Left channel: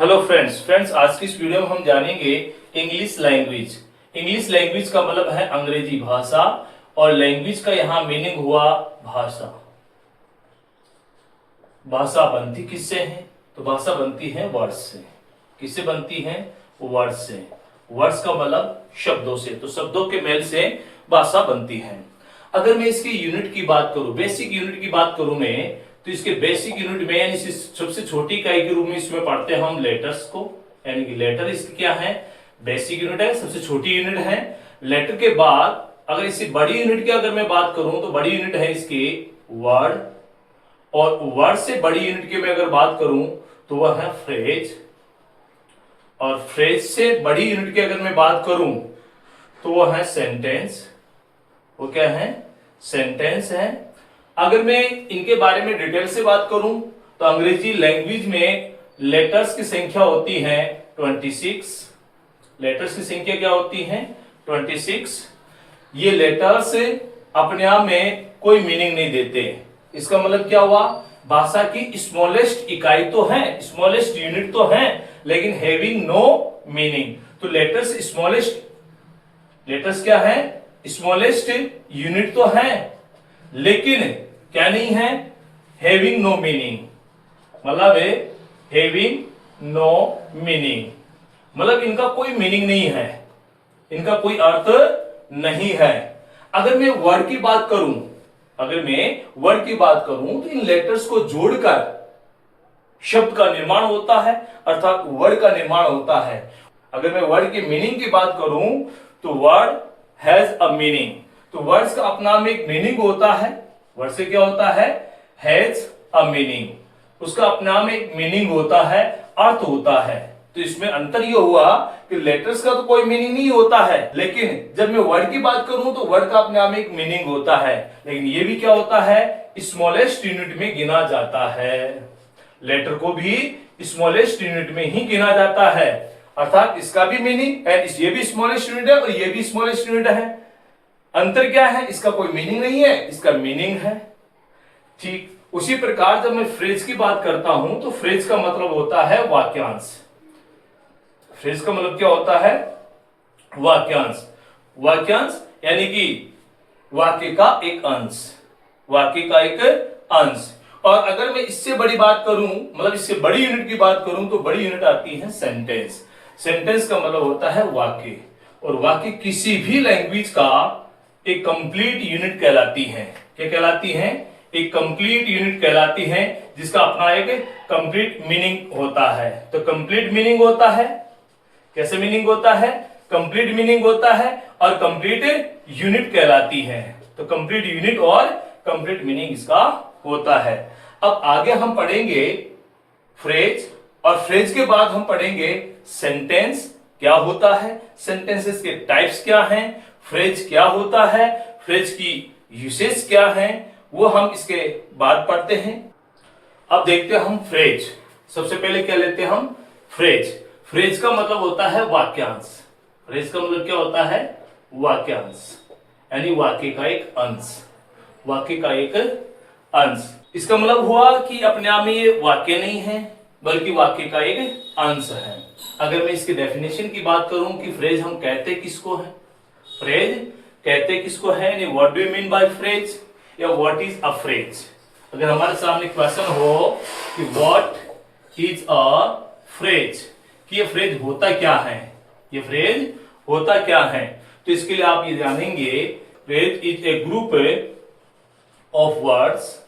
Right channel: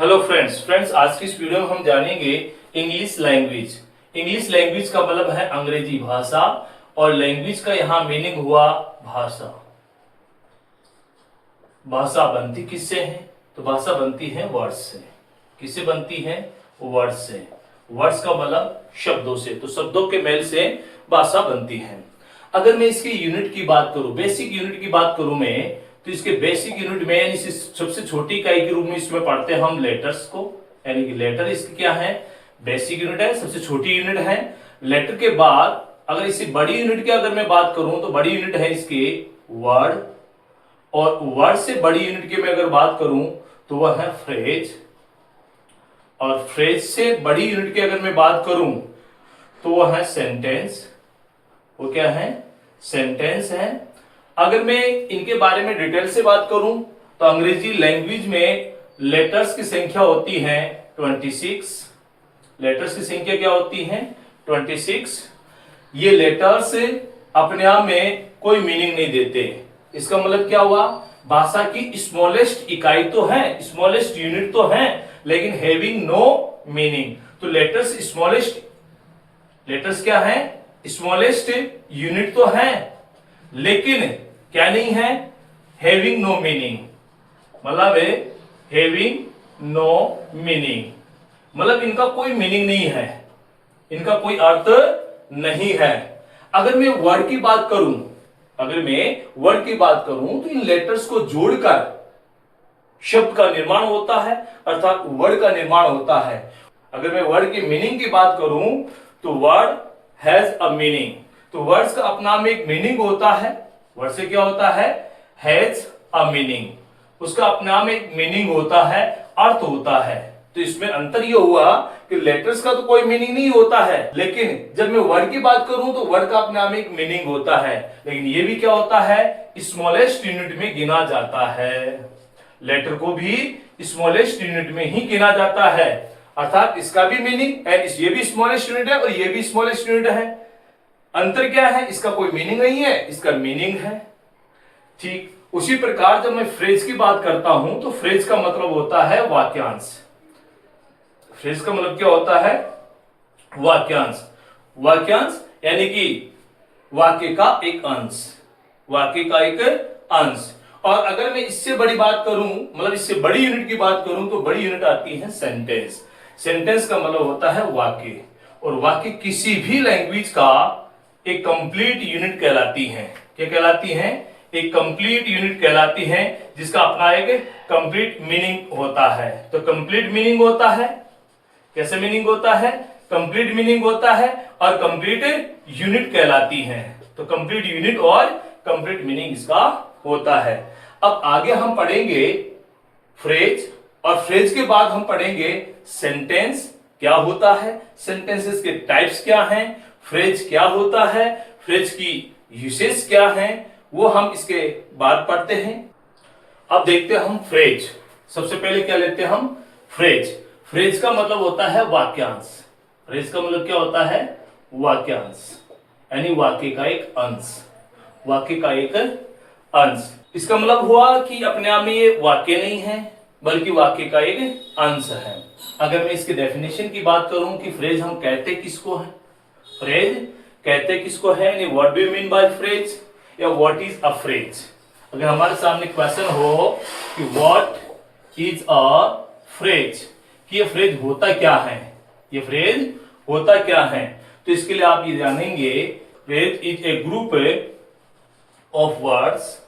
Hello friends आज की इस वीडियो में हम जानेंगे इंग्लिश लैंग्वेज। इंग्लिश लैंग्वेज का मतलब है अंग्रेजी भाषा और लैंग्वेज का यहाँ मीनिंग हुआ भाषा। भाषा बनती किससे है? तो भाषा बनती है वर्ड्स से। किससे बनती है? वर्ड्स से। वर्ड्स का मतलब शब्दों से, तो शब्दों के मेल से भाषा बनती है। अगर मैं इसकी यूनिट की बात करूं, बेसिक यूनिट की बात करूं मैं, तो इसके बेसिक यूनिट में यानी सबसे छोटी इकाई के रूप में इसमें पढ़ते हैं हम लेटर्स को। यानी कि लेटर इसकी क्या है? बेसिक यूनिट है, सबसे छोटी यूनिट है। लेटर के बाद अगर इससे बड़ी यूनिट की अगर मैं बात करूं तो बड़ी यूनिट है इसके वर्ड, और वर्ड से बड़ी यूनिट की मैं अगर बात करूं तो वह है फ्रेज, और फ्रेज से बड़ी यूनिट की अगर मैं बात करूं तो वह है सेंटेंस। वो क्या है? सेंटेंस है। अगर मैं इनके बारे में डिटेल से बात करूं तो अंग्रेजी लैंग्वेज में लेटर्स की संख्या होती है 26। लेटर्स की संख्या क्या होती है? 26। ये लेटर्स अपने आप में कोई मीनिंग नहीं देते। इसका मतलब क्या हुआ? भाषा की स्मॉलेस्ट इकाई तो है, स्मॉलेस्ट यूनिट तो है, लेकिन हैविंग नो मीनिंग। तो लेटर्स स्मॉलेस्ट, लेटर्स क्या है? स्मॉलेस्ट यूनिट तो है, लेकिन क्या नहीं है? Having no meaning. मतलब हैविंग नो मीनिंग मतलब इनका कोई मीनिंग नहीं है, इनका कोई अर्थ नहीं है। अगर मैं वर्ड की बात करूं, अगर मैं वर्ड की बात करूं तो इन लेटर्स को जोड़कर शब्द का निर्माण होता है, अर्थात वर्ड का निर्माण होता है। अगर मैं वर्ड की मीनिंग की बात करूं तो वर्ड हैज अ मीनिंग। तो वर्ड्स का अपना में एक मीनिंग होता है। वर्ड से क्या होता है? Has a meaning. उसका अपना में एक मीनिंग होता है, अर्थ होता है। तो इसमें अंतर यह हुआ कि लेटर्स का तो कोई मीनिंग नहीं होता है, लेकिन जब मैं वर्ड की बात करूं तो वर्ड का अपने आप में एक मीनिंग होता है, लेकिन यह भी क्या होता है? स्मॉलेस्ट यूनिट में गिना जाता है। लेटर को भी स्मॉलेस्ट यूनिट में ही गिना जाता है, अर्थात इसका भी मीनिंग है, ये भी स्मॉलेस्ट यूनिट है और ये भी स्मॉलेस्ट यूनिट है। अंतर क्या है? इसका कोई मीनिंग नहीं है, इसका मीनिंग है। ठीक उसी प्रकार जब मैं फ्रेज की बात करता हूं तो फ्रेज का मतलब होता है वाक्यांश। फ्रेज का मतलब क्या होता है? वाक्यांश। वाक्यांश यानी कि वाक्य का एक अंश, वाक्य का एक अंश। और अगर मैं इससे बड़ी बात करूं, मतलब इससे बड़ी यूनिट की बात करूं, तो बड़ी यूनिट आती है सेंटेंस। सेंटेंस का मतलब होता है वाक्य, और वाक्य किसी भी लैंग्वेज का एक कंप्लीट यूनिट कहलाती है। क्या कहलाती है? एक कंप्लीट यूनिट कहलाती है, जिसका अपना एक कंप्लीट मीनिंग होता है। तो कंप्लीट मीनिंग होता है, कैसे मीनिंग होता है? कंप्लीट मीनिंग होता है और कंप्लीट यूनिट कहलाती है। तो कंप्लीट यूनिट और कंप्लीट मीनिंग इसका होता है। अब आगे हम पढ़ेंगे फ्रेज, और फ्रेज के बाद हम पढ़ेंगे सेंटेंस क्या होता है, सेंटेंसेस के टाइप्स क्या हैं, फ्रेज क्या होता है, फ्रेज की यूसेज क्या है, वो हम इसके बाद पढ़ते हैं। अब देखते हैं हम फ्रेज। सबसे पहले क्या लेते हैं हम? फ्रेज। फ्रेज का मतलब होता है वाक्यांश। फ्रेज का मतलब क्या होता है? वाक्यांश, यानी वाक्य का एक अंश। वाक्य का एक अंश। इसका मतलब हुआ कि अपने आप में ये वाक्य नहीं है, बल्कि वाक्य का एक अंश है। अगर मैं इसकी डेफिनेशन की बात करूं कि फ्रेज हम कहते किसको है, फ्रेज कहते किसको है, यानी what do you mean by phrase, या व्हाट इज अ फ्रेज। अगर हमारे सामने क्वेश्चन हो कि व्हाट इज अ फ्रेज, कि ये फ्रेज होता क्या है, ये फ्रेज होता क्या है, तो इसके लिए आप ये जानेंगे phrase is a group of words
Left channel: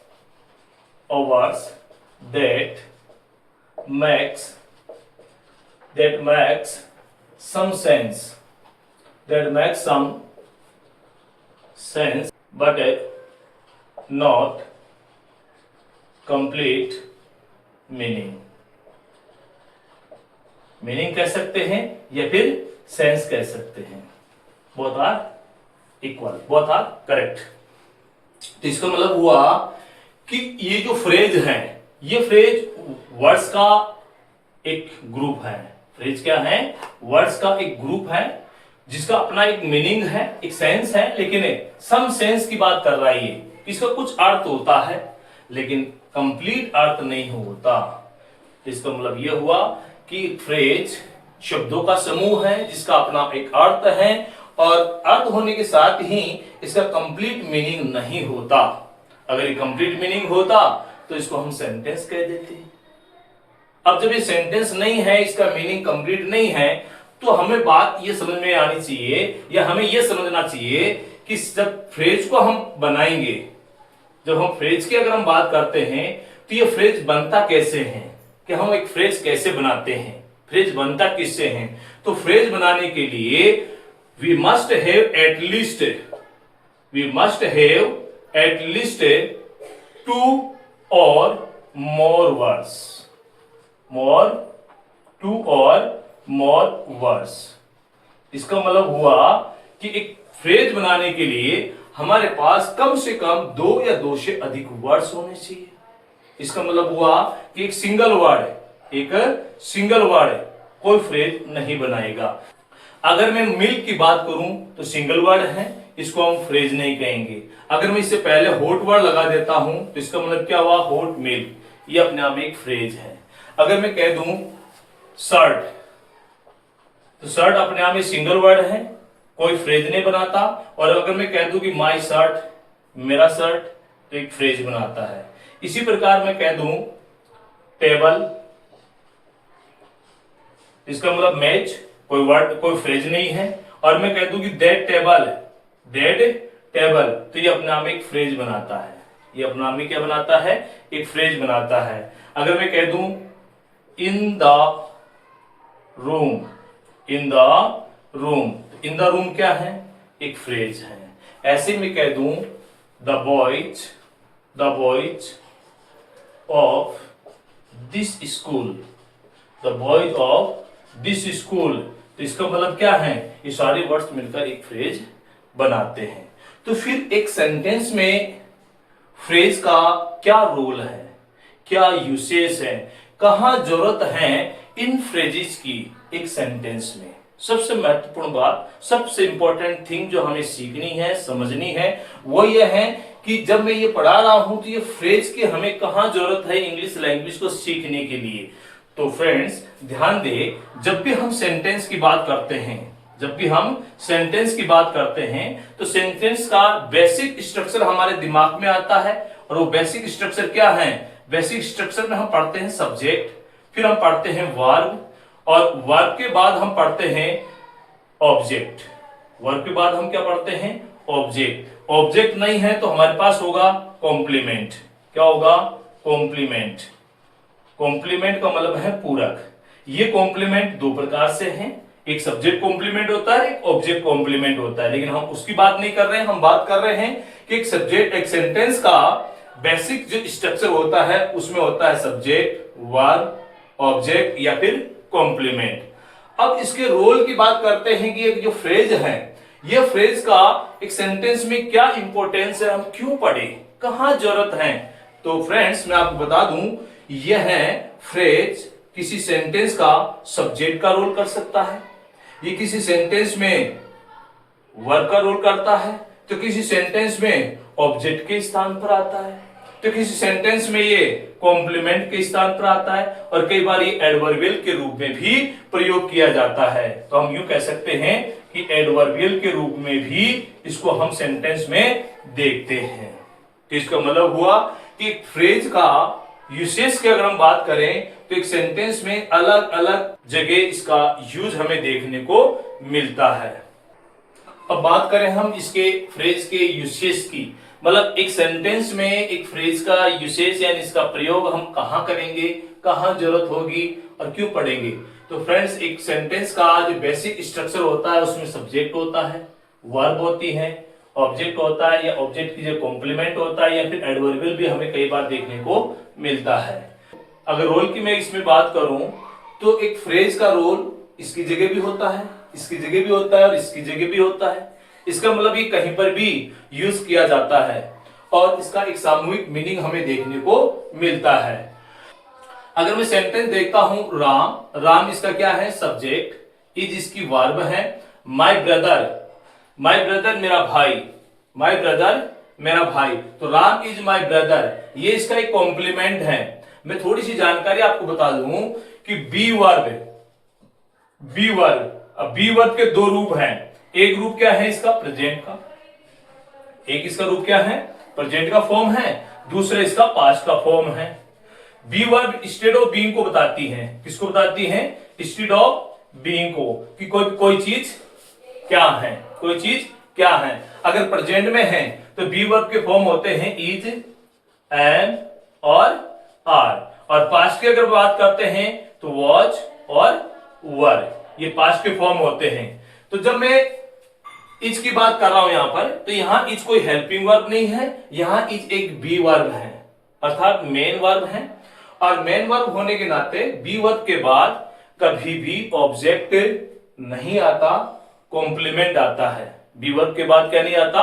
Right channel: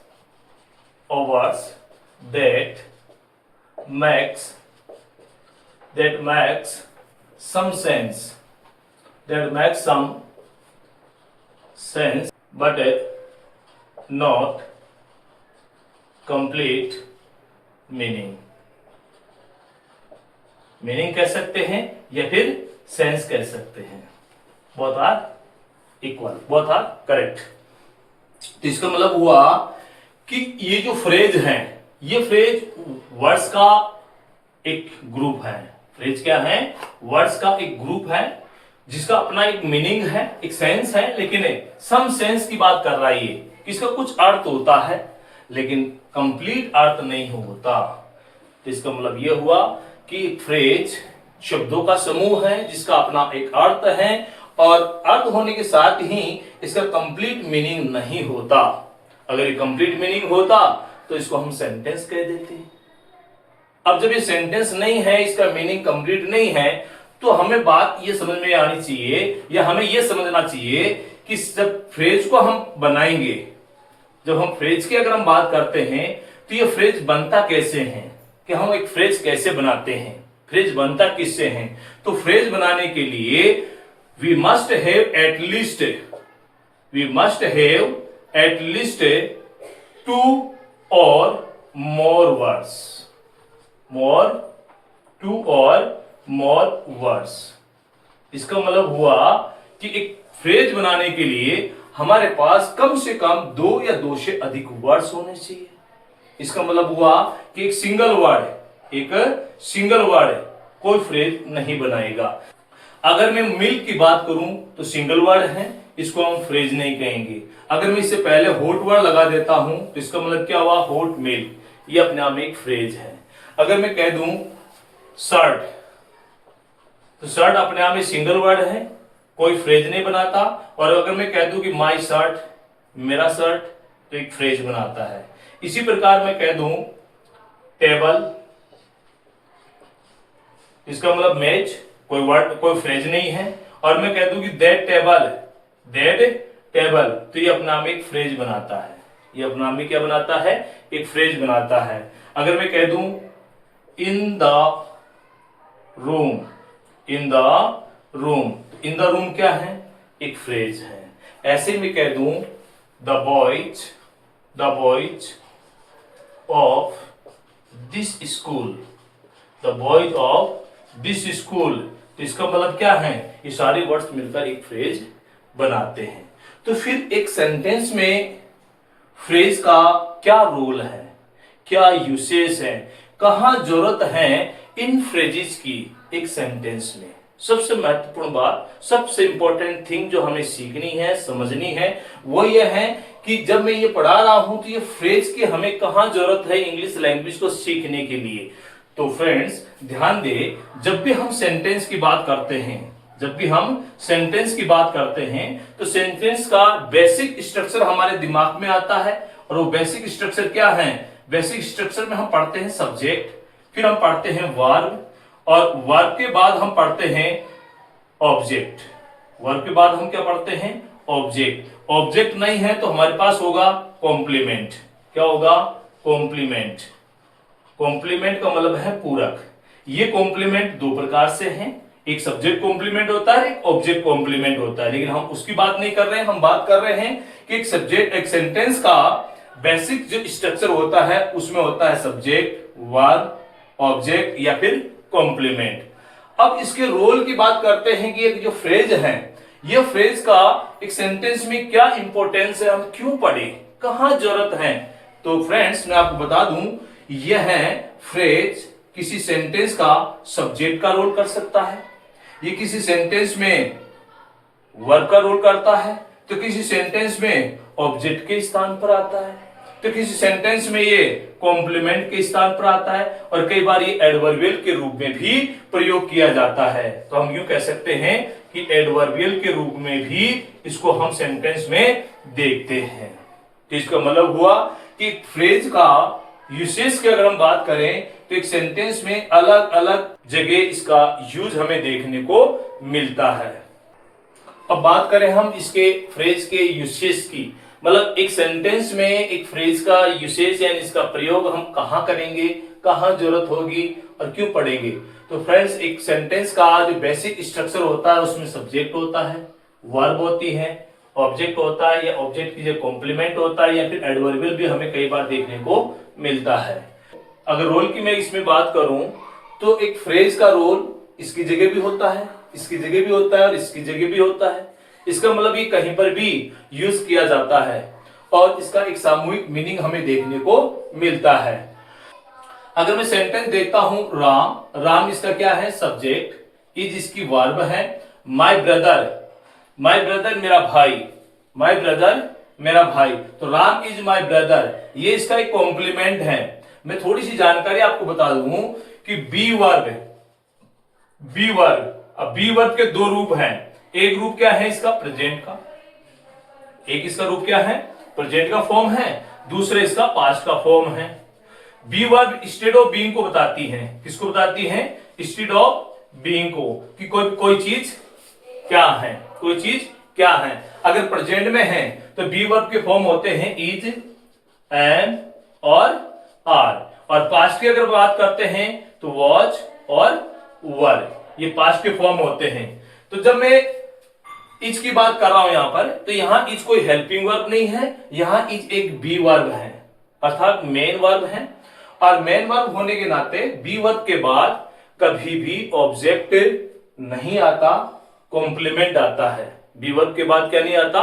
that makes some sense, but not complete meaning कह सकते हैं या फिर सेंस कह सकते हैं। Both are equal, both are correct. तो इसका मतलब हुआ कि ये जो फ्रेज है, ये फ्रेज वर्ड्स का एक ग्रुप है। फ्रेज क्या है? वर्ड्स का एक ग्रुप है, जिसका अपना एक मीनिंग है, एक सेंस है, लेकिन सम सेंस की बात कर रहा है ये, इसका कुछ अर्थ होता है, लेकिन कंप्लीट अर्थ नहीं होता। तो इसका मतलब यह हुआ कि फ्रेज शब्दों का समूह है जिसका अपना एक अर्थ है, और अर्थ होने के साथ ही इसका कंप्लीट मीनिंग नहीं होता। अगर ये कंप्लीट मीनिंग होता तो इसको हम सेंटेंस कह देते। अब जब ये सेंटेंस नहीं है, इसका मीनिंग कंप्लीट नहीं है, तो हमें बात ये समझ में आनी चाहिए या हमें ये समझना चाहिए कि जब फ्रेज को हम बनाएंगे, जब हम फ्रेज की अगर हम बात करते हैं तो ये फ्रेज बनता कैसे है, कि हम एक फ्रेज कैसे बनाते हैं, फ्रेज बनता किससे है। तो फ्रेज बनाने के लिए we must have at least 2 or more words, 2 or more words। इसका मतलब हुआ कि एक फ्रेज बनाने के लिए हमारे पास कम से कम 2 या 2 से अधिक वर्ड्स होने चाहिए। इसका मतलब हुआ कि एक सिंगल वर्ड कोई फ्रेज नहीं बनाएगा। अगर मैं मिल्क की बात करूं तो सिंगल वर्ड है, इसको हम फ्रेज नहीं कहेंगे। अगर मैं इससे पहले हॉट वर्ड लगा देता हूं तो इसका मतलब क्या हुआ, हॉट मिल्क, ये अपने आप में एक फ्रेज है। अगर मैं कह दूं शर्ट, तो शर्ट अपने आप में सिंगल वर्ड है, कोई फ्रेज नहीं बनाता। और अगर मैं कह दूं कि माई शर्ट, मेरा शर्ट, तो एक फ्रेज बनाता है। इसी प्रकार मैं कह दूं टेबल, इसका मतलब मेज, कोई वर्ड कोई फ्रेज नहीं है। और मैं कह दूं कि दैट टेबल, तो ये अपने आप में एक फ्रेज बनाता है, ये अपने आप में क्या बनाता है, एक फ्रेज बनाता है। अगर मैं कह दूं in the room, in the room क्या है, एक फ्रेज है। ऐसे में कह दूं the boys of this school, the boys of this school, तो इसका मतलब क्या है, ये सारे वर्ड्स मिलकर एक फ्रेज बनाते हैं। तो फिर एक सेंटेंस में फ्रेज का क्या रोल है, क्या यूसेज है, कहां जरूरत है इन फ्रेजेस की एक सेंटेंस में। सबसे महत्वपूर्ण बात, सबसे इंपॉर्टेंट थिंग जो हमें सीखनी है, समझनी है, वो ये है कि जब मैं ये पढ़ा रहा हूं तो ये फ्रेज की हमें कहां जरूरत है इंग्लिश लैंग्वेज को सीखने के लिए। तो फ्रेंड्स ध्यान दे, जब भी हम सेंटेंस की बात करते हैं, तो सेंटेंस का बेसिक स्ट्रक्चर हमारे दिमाग में आता है। और वो बेसिक स्ट्रक्चर क्या है, बेसिक स्ट्रक्चर में हम पढ़ते हैं सब्जेक्ट, फिर हम पढ़ते हैं वर्ब, और वर्ब के बाद हम पढ़ते हैं ऑब्जेक्ट, वर्ब के बाद हम क्या पढ़ते हैं, ऑब्जेक्ट। ऑब्जेक्ट नहीं है तो हमारे पास होगा कॉम्प्लीमेंट। क्या होगा, कॉम्प्लीमेंट। कॉम्प्लीमेंट का मतलब है पूरक। ये कॉम्प्लीमेंट 2 प्रकार से हैं, एक सब्जेक्ट कॉम्प्लीमेंट होता है, एक ऑब्जेक्ट कॉम्प्लीमेंट होता है। लेकिन हम उसकी बात नहीं कर रहे हैं, हम बात कर रहे हैं कि एक सब्जेक्ट, एक सेंटेंस का बेसिक जो स्ट्रक्चर होता है उसमें होता है सब्जेक्ट, वर्ब, ऑब्जेक्ट या फिर कॉम्प्लीमेंट। अब इसके रोल की बात करते हैं कि एक जो फ्रेज है, ये फ्रेज का एक सेंटेंस में क्या इंपॉर्टेंस है, हम क्यों पढ़े, कहां जरूरत है। तो फ्रेंड्स मैं आपको बता दूं, यह फ्रेज किसी सेंटेंस का सब्जेक्ट का रोल कर सकता है, ये किसी सेंटेंस में वर्ब का रोल करता है, तो किसी सेंटेंस में ऑब्जेक्ट के स्थान पर आता है, तो किसी सेंटेंस में ये कॉम्प्लीमेंट के स्थान पर आता है, और कई बार ये एडवर्बियल के रूप में भी प्रयोग किया जाता है। तो हम यूं कह सकते हैं कि एडवर्बियल के रूप में भी इसको हम सेंटेंस में देखते हैं। तो इसका मतलब हुआ कि फ्रेज का यूसेज की अगर हम बात करें तो एक सेंटेंस में अलग अलग जगह इसका यूज हमें देखने को मिलता है। अब बात करें हम इसके फ्रेज के यूसेज की, मतलब एक सेंटेंस में एक फ्रेज का यूसेज यानी इसका प्रयोग हम कहां करेंगे, कहां जरूरत होगी और क्यों पढ़ेंगे। तो फ्रेंड्स, एक सेंटेंस का जो बेसिक स्ट्रक्चर होता है उसमें सब्जेक्ट होता है, वर्ब होती है, ऑब्जेक्ट होता है, या ऑब्जेक्ट की जो कॉम्प्लीमेंट होता है, या फिर एडवर्बियल भी हमें कई बार देखने को मिलता है। अगर रोल की मैं इसमें बात करूं तो एक फ्रेज का रोल इसकी जगह भी होता है, इसकी जगह भी होता है और इसकी जगह भी होता है। इसका मतलब ये कहीं पर भी यूज किया जाता है और इसका एक सामूहिक मीनिंग हमें देखने को मिलता है। अगर मैं सेंटेंस देखता हूं, राम इसका क्या है, सब्जेक्ट, इज इसकी वर्ब है, माय ब्रदर मेरा भाई, माय ब्रदर मेरा भाई, तो राम इज माय ब्रदर, ये इसका एक कॉम्प्लीमेंट है। मैं थोड़ी सी जानकारी आपको बता दूं कि बी वर्ब, अब बी वर्ब के दो रूप हैं। एक रूप क्या है इसका, प्रेजेंट का, एक इसका रूप क्या है, प्रेजेंट का फॉर्म है, दूसरे इसका पास्ट का फॉर्म है। Be verb state of being को बताती है, किसको बताती है, स्टेड ऑफ बीइंग को, कि कोई चीज क्या है, कोई चीज क्या है। अगर प्रेजेंट में है तो बी वर्ब के फॉर्म होते हैं इज, एम और आर, और पास्ट की अगर बात करते हैं तो वॉज और वर, ये पास्ट के फॉर्म होते हैं। तो जब मैं इज की बात कर रहा हूं यहां पर, तो यहां इज कोई हेल्पिंग वर्ब नहीं है, यहां इज एक बी वर्ब है, अर्थात मेन वर्ब है। और मेन वर्ब होने के नाते बी वर्ब के बाद कभी भी ऑब्जेक्ट नहीं आता, कॉम्प्लीमेंट आता है। बी वर्ब के बाद क्या नहीं आता,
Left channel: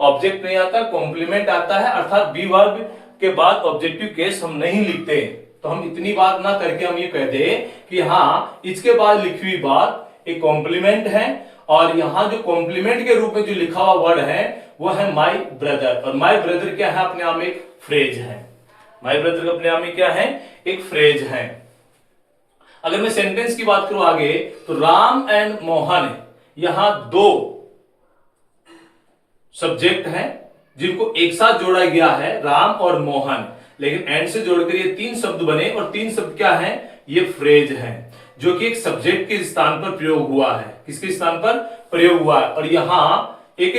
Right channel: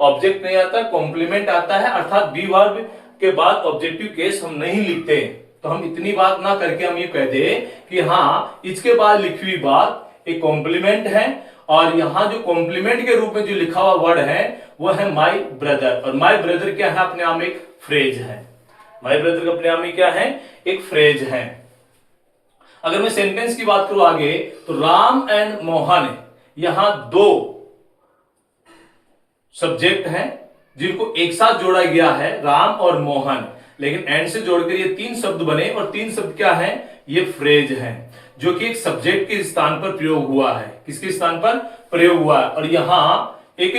ऑब्जेक्ट नहीं आता, कॉम्प्लीमेंट आता है। अर्थात बी वर्ब के बाद ऑब्जेक्टिव केस हम नहीं लिखते। तो हम इतनी बात ना करके हम ये कह दे कि हाँ इसके बाद लिखी हुई बात एक कॉम्प्लीमेंट है, और यहां जो कॉम्प्लीमेंट के रूप में जो लिखा हुआ वर्ड है वो है माई ब्रदर। और माई ब्रदर क्या है, अपने आप में एक फ्रेज है। माई ब्रदर अपने आप में क्या है, एक फ्रेज है। अगर मैं सेंटेंस की बात करूं आगे, तो राम एंड मोहन, यहां दो सब्जेक्ट हैं जिनको एक साथ जोड़ा गया है, राम और मोहन, लेकिन एंड से जोड़कर ये तीन शब्द बने, और तीन शब्द क्या है, ये फ्रेज है, जो कि एक सब्जेक्ट के स्थान पर प्रयोग हुआ है। किसके स्थान पर प्रयोग हुआ है, और यहां एक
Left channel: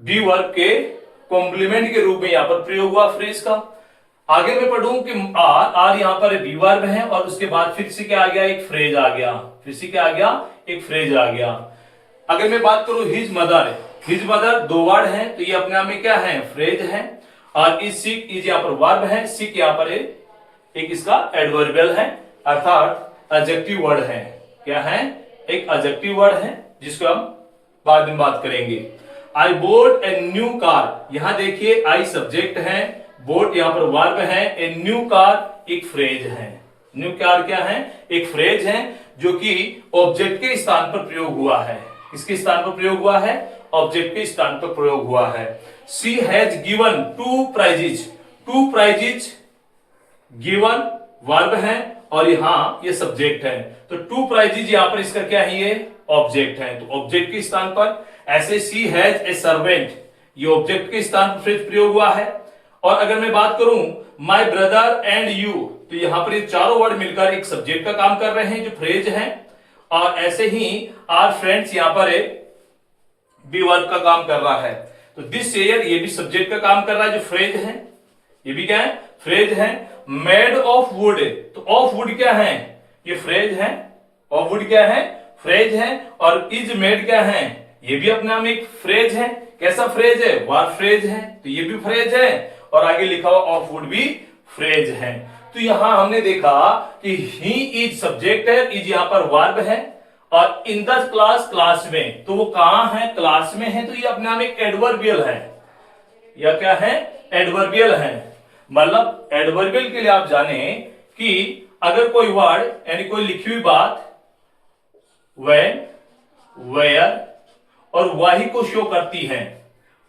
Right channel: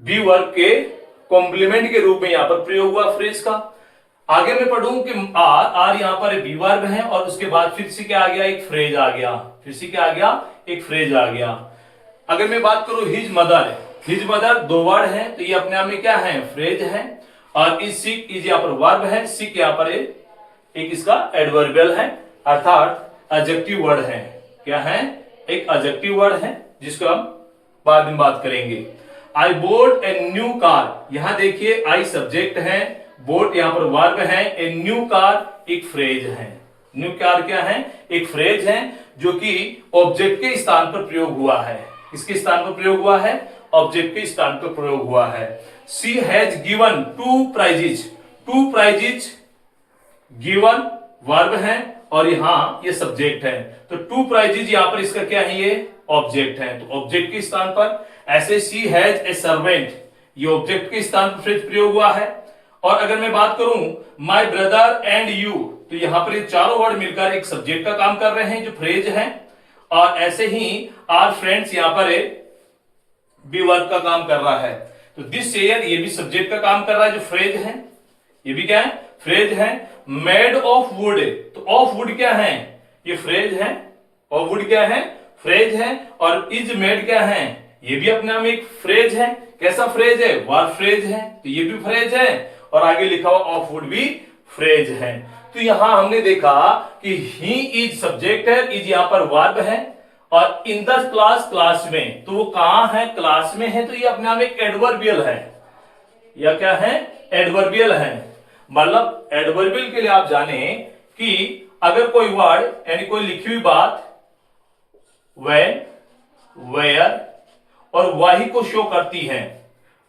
बी वर्ब के कॉम्प्लीमेंट के रूप में यहां पर प्रयोग हुआ फ्रेज का। आगे मैं पढ़ूं कि आर यहां पर बी वर्ब है, और उसके बाद फिर से क्या आ गया, एक फ्रेज आ गया, फिर से क्या आ गया, एक फ्रेज आ गया। अगर मैं बात करूं हिज मदर, हिज मदर दो वर्ड है, तो ये अपने आप में क्या है, फ्रेज है। और इज सिक, इज यहां पर वर्ब है, सिक यहां पर एक इसका एडवर्बियल है, अर्थात एडजेक्टिव वर्ड है। क्या है, एक एडजेक्टिव वर्ड है, जिसको हम बाद में बात करेंगे। आई बोट ए न्यू कार, यहां देखिए आई सब्जेक्ट है, बोट यहां पर वर्ब है, ए न्यू कार एक फ्रेज है। न्यू कार क्या है, एक फ्रेज है, जो कि ऑब्जेक्ट के स्थान पर प्रयोग हुआ है। किसके स्थान पर प्रयोग हुआ है, ऑब्जेक्ट के स्थान पर प्रयोग हुआ है। She has given two prizes, two prizes given verb है, और यहां ये सब्जेक्ट है, तो टू प्राइजेज यहां पर इसका क्या है, ये ऑब्जेक्ट है, तो ऑब्जेक्ट के स्थान पर। ऐसे शी हैज ए सर्वेंट, ये ऑब्जेक्ट के स्थान पर फ्रेज प्रयोग हुआ है। और अगर मैं बात करूं माई ब्रदर एंड यू, तो यहां पर ये चारों वर्ड मिलकर एक सब्जेक्ट का काम कर रहे हैं, जो फ्रेज है। और ऐसे ही आर फ्रेंड्स यहां पर बी वर्ब का काम कर रहा है, तो दिस चेयर ये भी सब्जेक्ट का काम कर रहा है, जो फ्रेज है, ये भी क्या है, फ्रेज है। मेड ऑफ वुड, तो ऑफ वुड क्या है, ये फ्रेज है, ऑफ वुड क्या है, फ्रेज है। और इज मेड क्या है, ये भी अपने आप में एक फ्रेज है। कैसा फ्रेज है, वर्ब फ्रेज है, तो ये भी फ्रेज है, और आगे लिखा हुआ ऑफ वुड भी फ्रेज है। तो यहां हमने देखा कि ही इज सब्जेक्ट है, इज यहां पर वर्ब है, और इन द क्लास, क्लास में, तो वो कहां है, क्लास में है, तो ये अपने आप एक एडवर्बियल है, या क्या है, एडवर्बियल है। मतलब एडवर्बियल के लिए आप जाने कि अगर कोई वर्ड यानी कोई लिखी हुई बात व्हेन, वेयर और वाही को शो करती है,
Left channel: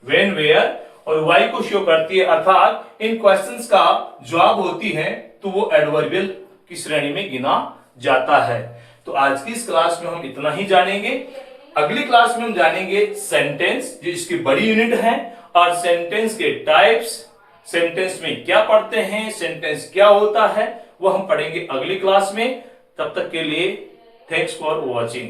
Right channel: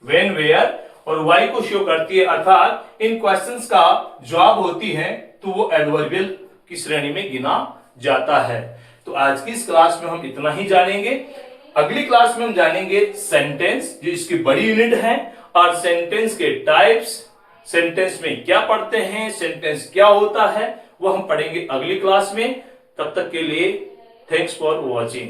व्हेन, वेयर और वाही को शो करती है, अर्थात इन क्वेश्चंस का जवाब होती है, तो वो एडवर्बियल की श्रेणी में गिना जाता है। तो आज की इस क्लास में हम इतना ही जानेंगे। अगली क्लास में हम जानेंगे सेंटेंस, जो इसकी बड़ी यूनिट है, और सेंटेंस के टाइप्स, सेंटेंस में क्या पढ़ते हैं, सेंटेंस क्या होता है, वो हम पढ़ेंगे अगली क्लास में। तब तक के लिए थैंक्स फॉर वॉचिंग।